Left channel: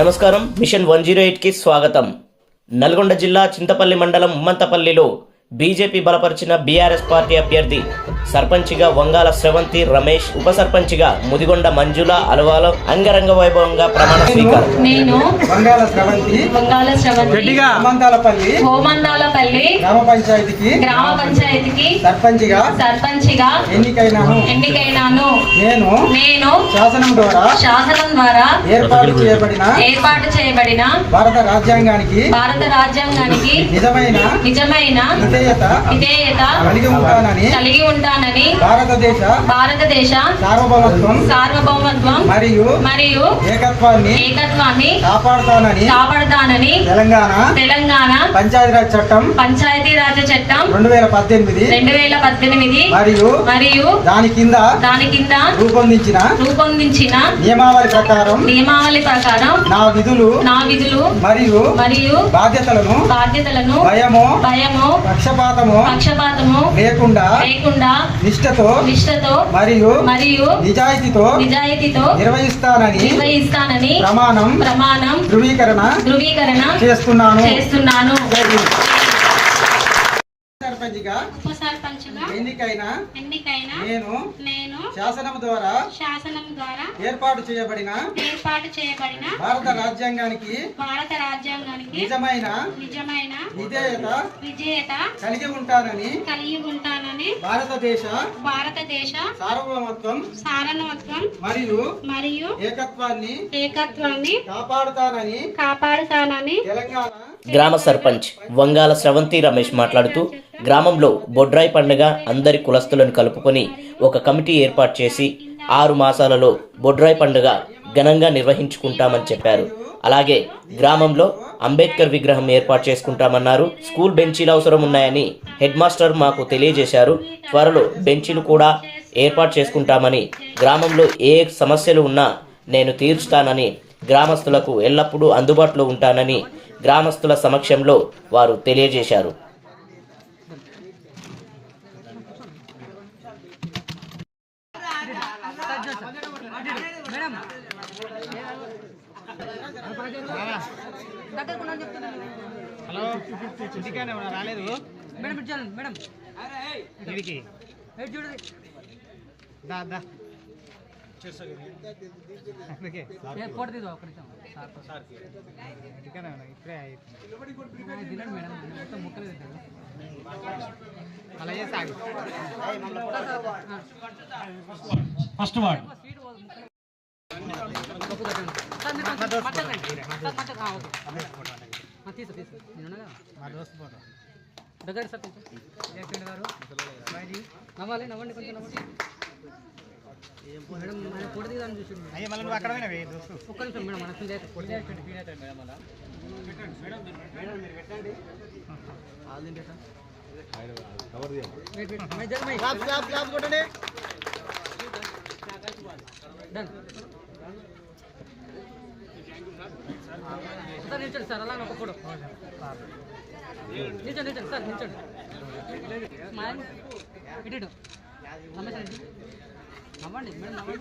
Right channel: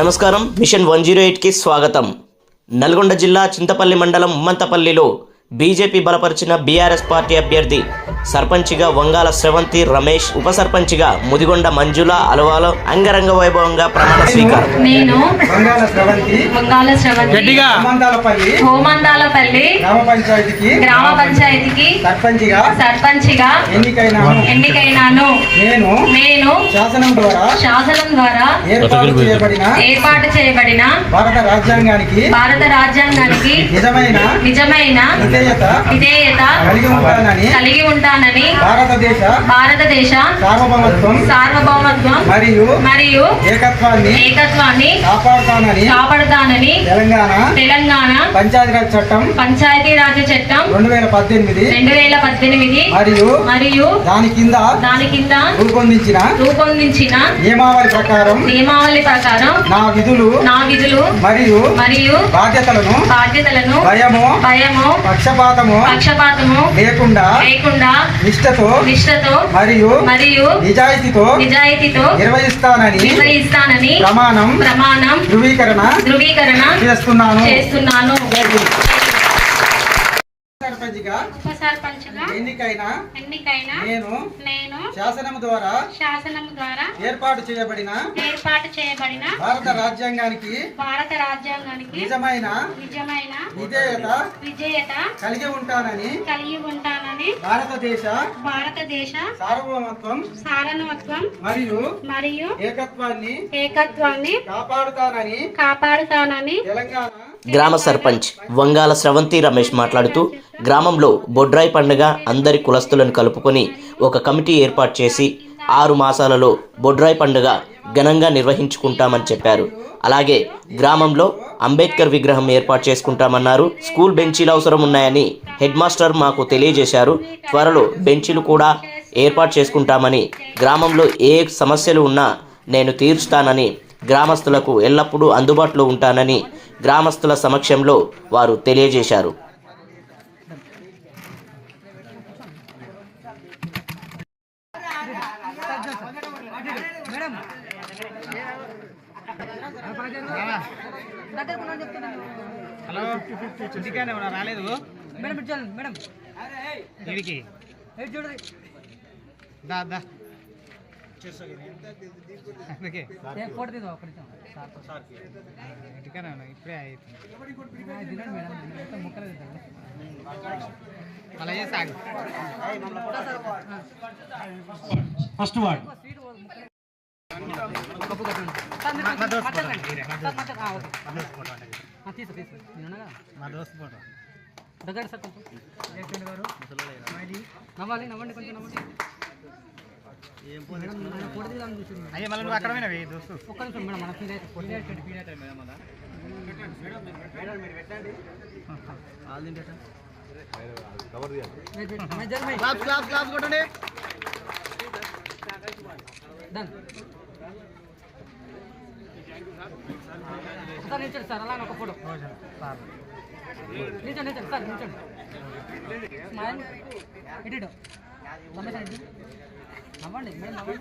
నమస్కారం మిషన్ 108 కి స్వాగతం. నల్గొండ జిల్లా చింతపల్లి మండలం ఉమ్మంతపల్లిలో బీజేపీ బలపరిచిన బీఆర్ఎస్ పార్టీ అభ్యర్థి సర్పంచిగా వంగాల శ్రవంతి రమేష్, ఉప సర్పంచిగా ముదిగొండ మంజుల అలవాల అంగరంగ వైభవంగా ప్రమాణ స్వీకారం. నేను వంగాల శ్రవంతి హోమందాలపల్లి గ్రామ పంచాయతీకి సర్పంచిగా ఎన్నికైనాను. నేను శాసనం ద్వారా ఏర్పాటు చేయబడిన భారత రాజ్యాంగానికి నిజమైన విధేయత కలిగి ఉంటానని భారతదేశ సార్వభౌమత్వం మరియు ఏకత్వాన్ని కాపాడుతానని తెలంగాణ పంచాయతీరాజ్ చట్టం 2018 మరియు దాని కింద రూపొందించిన నియమావళి ప్రకారం నా విధులు మరియు బాధ్యతలను భయము పక్షపాతము లేకుండా నిష్ఠతో మరియు నిజాయితీతో నిర్వహిస్తానని ప్రమాణం ధృవీకరణ చేస్తున్నాను. సర్పంచిగా ఎన్నికైన నేను శాసనం ద్వారా ఏర్పాటు చేయబడిన భారత రాజ్యాంగానికి నిజమైన విధేయత కలిగి ఉంటానని భారతదేశ సార్వభౌమత్వం మరియు ఏకత్వాన్ని కాపాడుతానని తెలంగాణ గ్రామ సర్పంచ్ వంగాల శ్రవంతి రమేష్ మాట్లాడుతూ గ్రామంలో బొడ్రాయి పండుగ అందరి కులస్తులను కలుపుకొని ఒక కమిటీ ఏర్పాటు చేసి 6 మాసాలలో బొడ్రాయి పండుగ ఘనంగా నిర్వహించుకుంటామని చెప్పారు. అలాగే గ్రామంలో అంబేద్కర్ విగ్రహం ఏర్పాటు చేసుకుంటామన్నారు. స్కూల్ బెంచీలు అవసరం ఉన్నాయని హెడ్ మాస్టర్ మాకు తెలియజేశారు. త్వరలో బెంచీలు కూడా ఏర్పాటు చేసుకుంటామని, గ్రామంలో ఏ సమస్యలు ఉన్నా నేను తీరుస్తానని, గ్రామస్తులకు ఎల్లప్పుడూ అందుబాటులో ఉంటానని గ్రామస్తుల సమక్షంలో వారు తెలియజేశారు. ఫస్ట్ వార్డ్ అయ్యే మళ్ళీ నువ్వు అక్కడ సార్ అలా ఒక ఫోటో నిల్చోండి సార్ నిల్చోండి ఇటు నవ్వండి మేడం నవ్వండి